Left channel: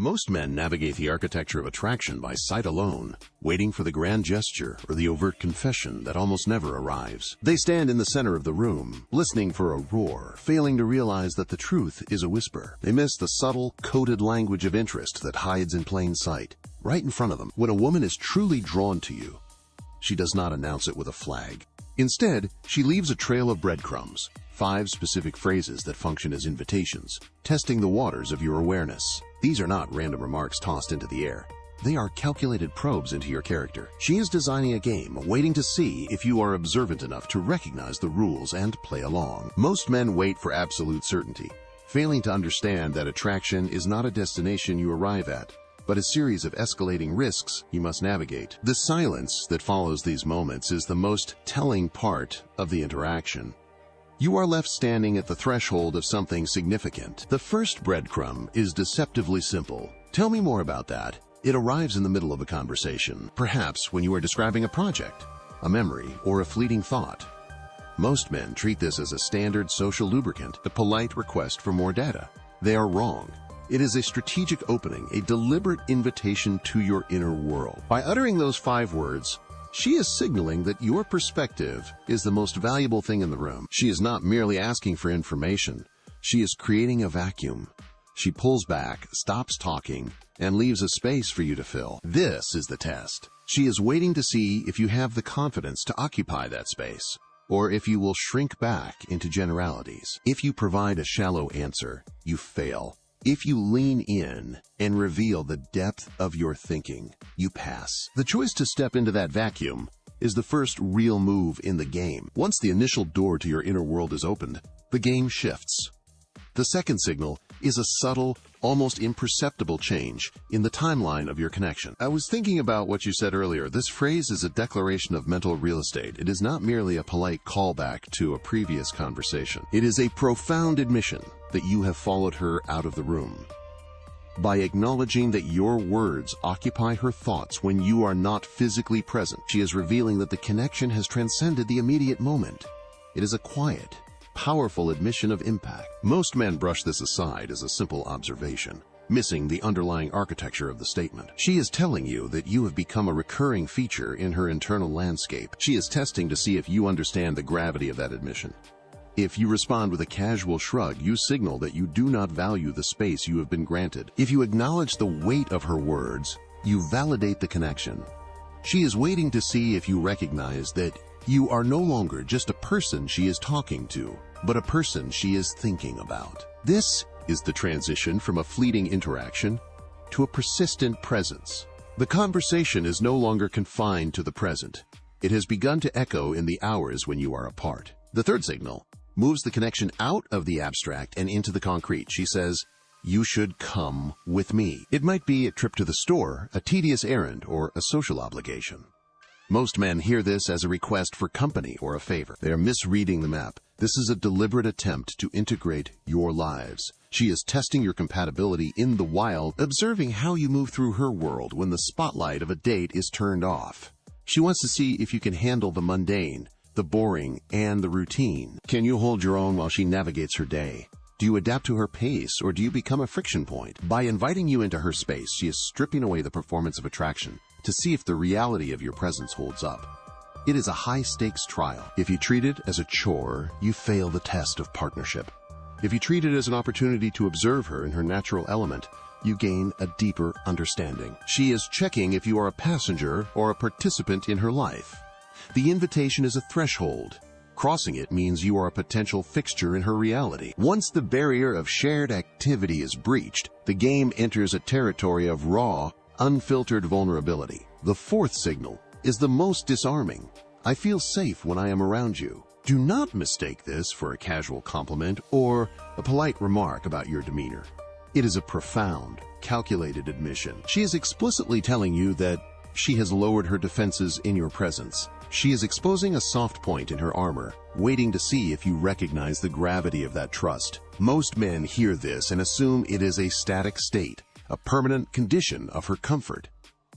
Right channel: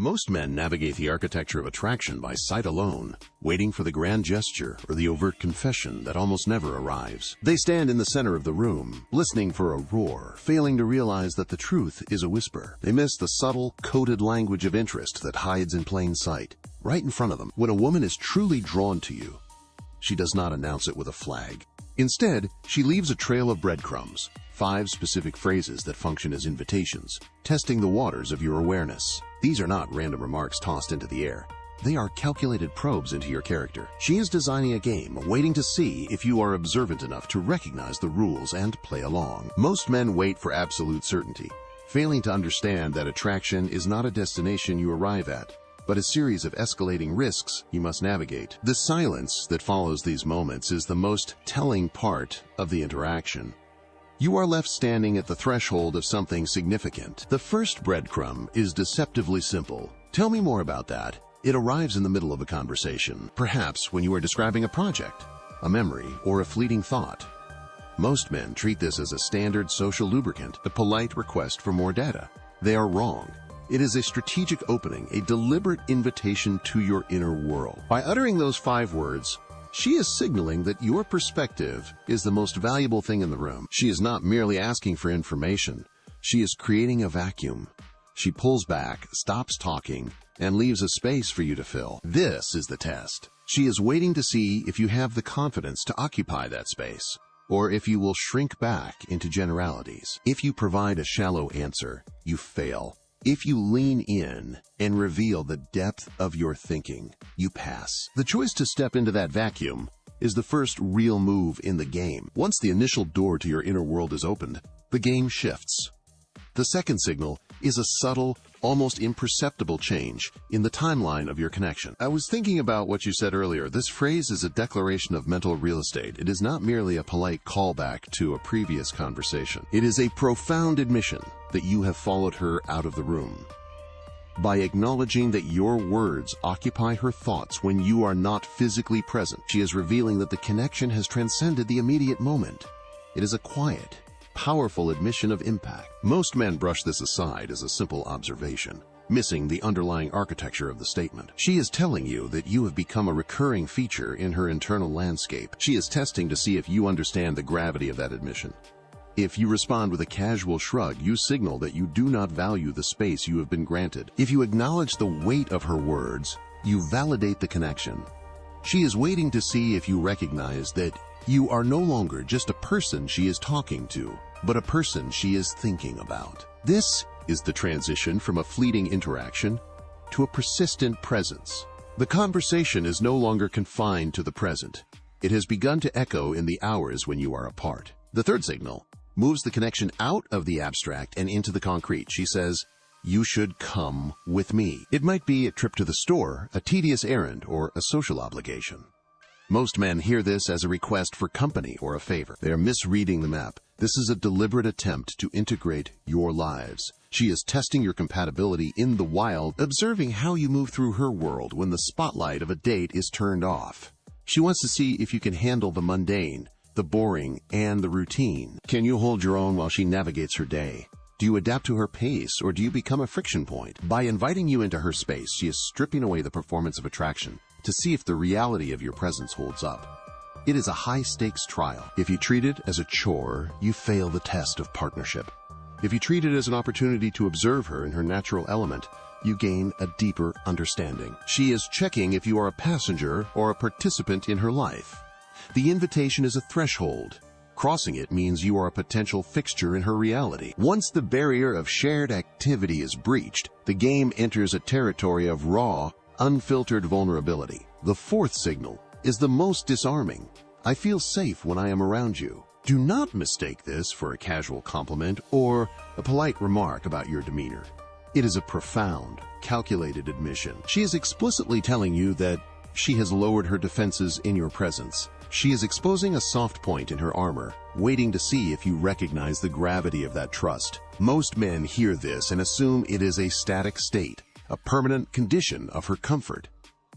Most men navigate the architecture of attraction by sight alone, waiting for the grand gesture or the overt confession that almost never arrives. They stand in the center of the room, listening for a roar, failing to realize that the truth is a whisper. They miss the subtle, coded language of interest that hides in plain sight, right in front of them. When a woman is truly drawn to you, she does not announce it with a flag. Instead, she leaves a trail of breadcrumbs, 5 specific phrases that function as invitations, testing the waters of your awareness. These are not random remarks tossed into the air. They are calculated probes into your character. She is designing a game, waiting to see if you are observant enough to recognize the rules and play along. Most men wait for absolute certainty, failing to understand that attraction is not a destination you arrive at, but a series of escalating risks you must navigate. The silence that follows these moments is the most telling part of the interaction. You are left standing at the threshold of something significant. The first breadcrumb is deceptively simple. Tell me more about that. It arrives in the middle of a conversation, perhaps when you are describing a project, a memory, or a fleeting thought. Most men treat this as a standard social lubricant, a polite request for more data. They are wrong. It is a strategic opening, a deliberate invitation to your inner world. By uttering those 5 words, she is signaling that your perspective is the most valuable thing in the room. She is not merely asking for information. She is creating a vacuum. She pulls back, stops talking, and leaves a space for you to fill. This is the test. She is waiting to see if you have the confidence to occupy that space, or if you will shrink back into generalities. If you provide a shallow answer, you fail. If you lean in and reveal the depth of your thinking, you pass. The choice to step into that vacuum is the first real move in the game. Once the initial door to your inner world is opened, the game shifts. The second signal is a subtle, almost imperceptible change in the timeline of your connection. I was thinking about what you said earlier. This phrase is a declaration of mental real estate. It is not merely a polite callback to a previous conversation. It is a profound admission that you have followed her out of the room. By acknowledging that your words occupy her thoughts when you are not physically present, she is revealing that the connection has transcended the immediate moment. It is a quiet, powerful admission of impact. Most men brush this aside as a simple observation, missing the underlying architecture of the statement. She is telling you that you have become a recurring feature in her internal landscape. She is testing to see if you understand the gravity of that admission. If you respond with a casual shrug, you signal that you do not value the space you have been granted. If you acknowledge the weight of her words, you validate the connection. She is waiting to see if you recognize that you are no longer just a person she is talking to, but a person she is thinking about. This is the transition from a fleeting interaction to a persistent presence. The conversation is no longer confined to the present. It has begun to echo in the hours when you are apart. The third signal moves the connection out of the abstract and into the concrete. She says, "You should come with me." It might be a trip to the store, a tedious errand, or a social obligation. Most men hear this as a request for company or a favor. They are misreading the map. This is a deliberate attempt to integrate your lives. She is testing your compatibility in the wild, observing how you move through her world when the spotlight of a date is turned off. She wants to see if you can handle the mundane, the boring, and the routine. Can you hold your own while she navigates her day? Do you adapt to her pace, or do you become a friction point? By inviting you into her space, she is stripping away the performance of attraction to see if the reality of your presence holds up. It is a high-stakes trial. If you treat it as a chore, you fail the test of partnership. If you treat it as an opportunity to observe her in her natural element, you gain a deeper understanding. She is checking if you are a passenger or a participant in her life. The invitation is a threshold. Crossing it means you are a potential fixture in her reality. Once the barrier of shared activity is breached, the game enters a territory of raw, unfiltered vulnerability. The fourth signal is the most disarming. I feel safe when I am around you. Do not mistake this for a casual compliment or a polite remark about your demeanor. It is a profound, calculated admission. She is explicitly telling you that she has lowered her defenses in your presence. She is exposing a soft point in her armor, waiting to see if you recognize the gravity of that trust. Most men hear this and assume it is a static state, a permanent condition of her comfort.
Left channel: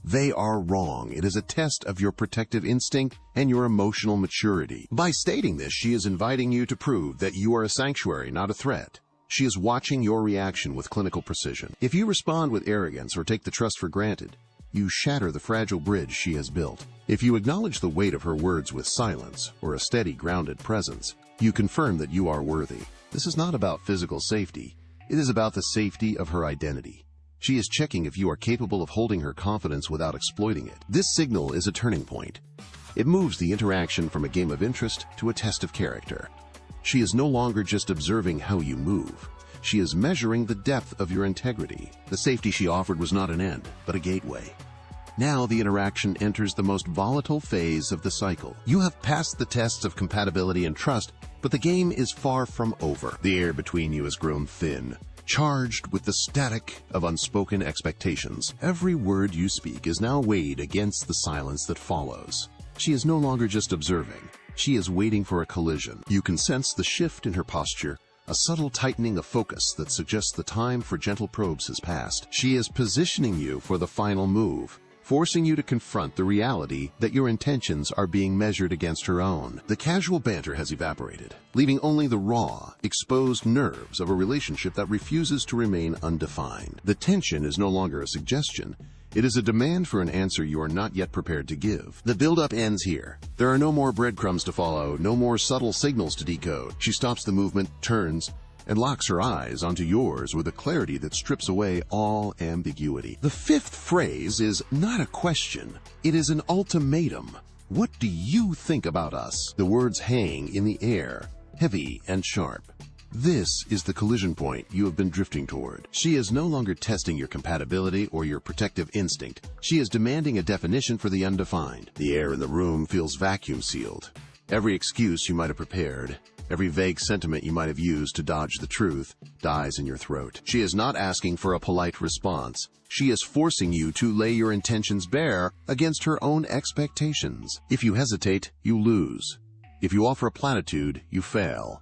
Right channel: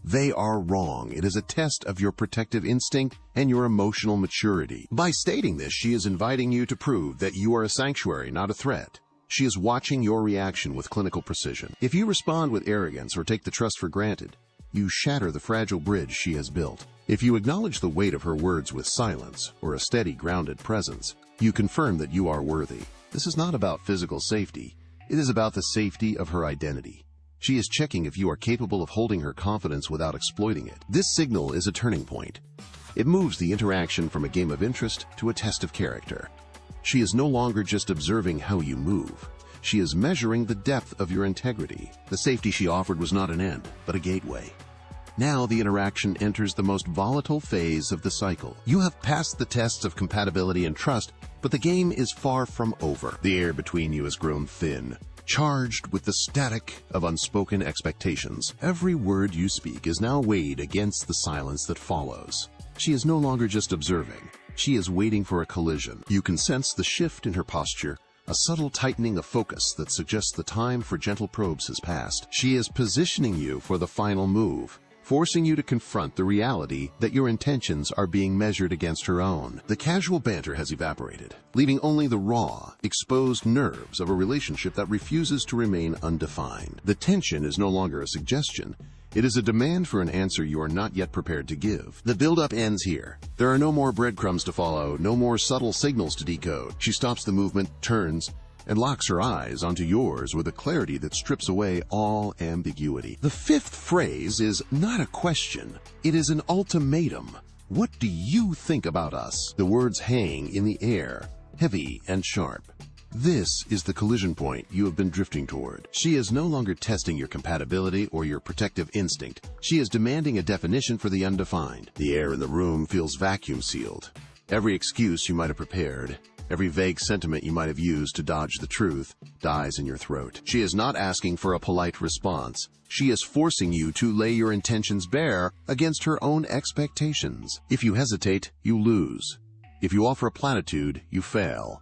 They are wrong. It is a test of your protective instinct and your emotional maturity. By stating this, she is inviting you to prove that you are a sanctuary, not a threat. She is watching your reaction with clinical precision. If you respond with arrogance or take the trust for granted, you shatter the fragile bridge she has built. If you acknowledge the weight of her words with silence or a steady, grounded presence, you confirm that you are worthy. This is not about physical safety. It is about the safety of her identity. She is checking if you are capable of holding her confidence without exploiting it. This signal is a turning point. It moves the interaction from a game of interest to a test of character. She is no longer just observing how you move. She is measuring the depth of your integrity. The safety she offered was not an end, but a gateway. Now the interaction enters the most volatile phase of the cycle. You have passed the tests of compatibility and trust, but the game is far from over. The air between you has grown thin, charged with the static of unspoken expectations. Every word you speak is now weighed against the silence that follows. She is no longer just observing. She is waiting for a collision. You can sense the shift in her posture, a subtle tightening of focus that suggests the time for gentle probes has passed. She is positioning you for the final move, forcing you to confront the reality that your intentions are being measured against her own. The casual banter has evaporated, leaving only the raw, exposed nerves of a relationship that refuses to remain undefined. The tension is no longer a suggestion. It is a demand for an answer you are not yet prepared to give. The build-up ends here. There are no more breadcrumbs to follow, no more subtle signals to decode. She stops the movement, turns, and locks her eyes onto yours with a clarity that strips away all ambiguity. The fifth phrase is not a question, it is an ultimatum. What do you think about us? The words hang in the air, heavy and sharp. This is the collision point you have been drifting toward. She is no longer testing your compatibility or your protective instinct. She is demanding a definition for the undefined. The air in the room feels vacuum sealed. Every excuse you might have prepared, every vague sentiment you might have used to dodge the truth, dies in your throat. She is not asking for a polite response. She is forcing you to lay your intentions bare against her own expectations. If you hesitate, you lose. If you offer a platitude, you fail.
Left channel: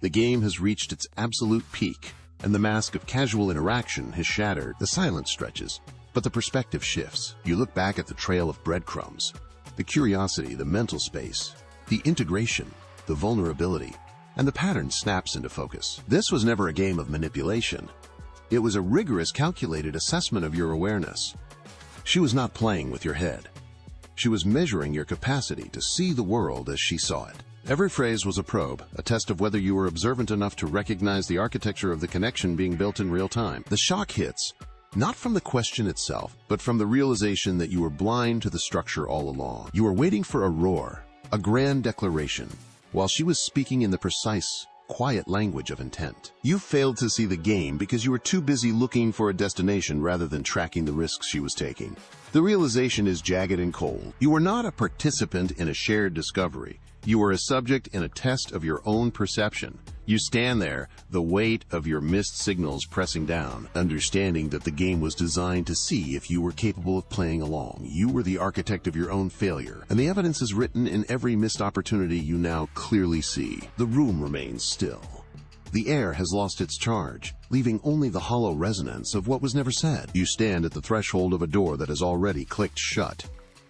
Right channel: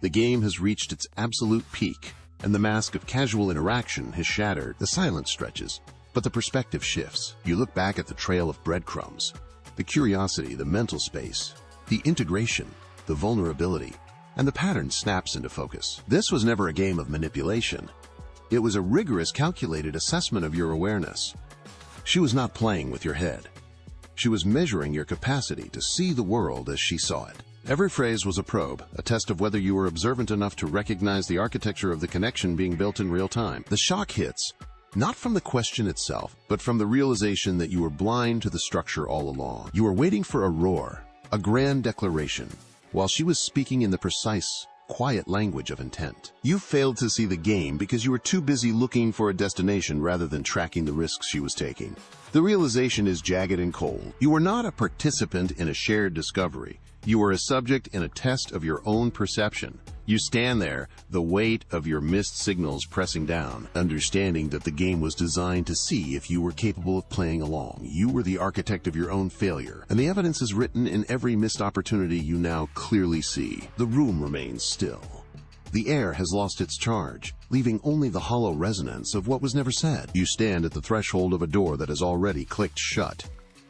The game has reached its absolute peak, and the mask of casual interaction has shattered. The silence stretches, but the perspective shifts. You look back at the trail of breadcrumbs, the curiosity, the mental space, the integration, the vulnerability, and the pattern snaps into focus. This was never a game of manipulation. It was a rigorous, calculated assessment of your awareness. She was not playing with your head. She was measuring your capacity to see the world as she saw it. Every phrase was a probe, a test of whether you were observant enough to recognize the architecture of the connection being built in real time. The shock hits, not from the question itself, but from the realization that you were blind to the structure all along. You were waiting for a roar, a grand declaration, while she was speaking in the precise, quiet language of intent. You failed to see the game because you were too busy looking for a destination rather than tracking the risks she was taking. The realization is jagged and cold. You were not a participant in a shared discovery. You are a subject in a test of your own perception. You stand there, the weight of your missed signals pressing down, understanding that the game was designed to see if you were capable of playing along. You were the architect of your own failure, and the evidence is written in every missed opportunity you now clearly see. The room remains still. The air has lost its charge, leaving only the hollow resonance of what was never said. You stand at the threshold of a door that has already clicked shut.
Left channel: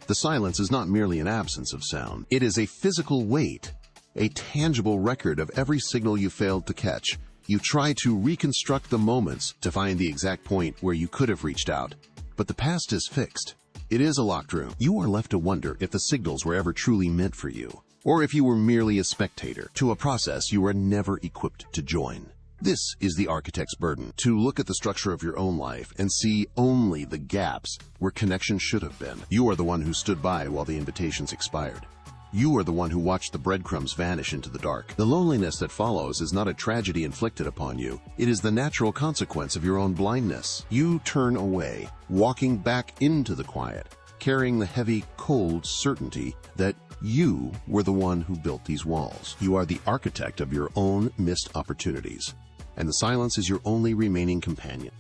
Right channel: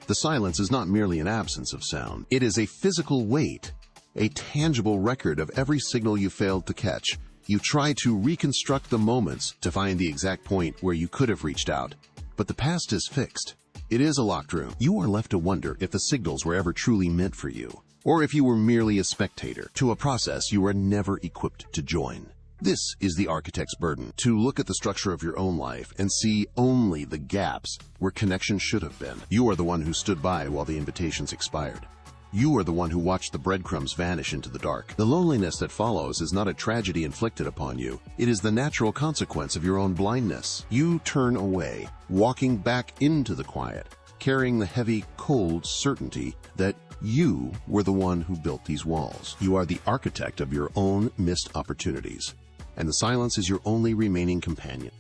The silence is not merely an absence of sound. It is a physical weight, a tangible record of every signal you failed to catch. You try to reconstruct the moments to find the exact point where you could have reached out. But the past is fixed. It is a locked room. You are left to wonder if the signals were ever truly meant for you, or if you were merely a spectator to a process you were never equipped to join. This is the architect's burden, to look at the structure of your own life and see only the gaps where connection should have been. You are the one who stood by while the invitations expired. You are the one who watched the breadcrumbs vanish into the dark. The loneliness that follows is not a tragedy inflicted upon you. It is the natural consequence of your own blindness. You turn away, walking back into the quiet, carrying the heavy, cold certainty that you were the one who built these walls. You are the architect of your own missed opportunities, and the silence is your only remaining companion.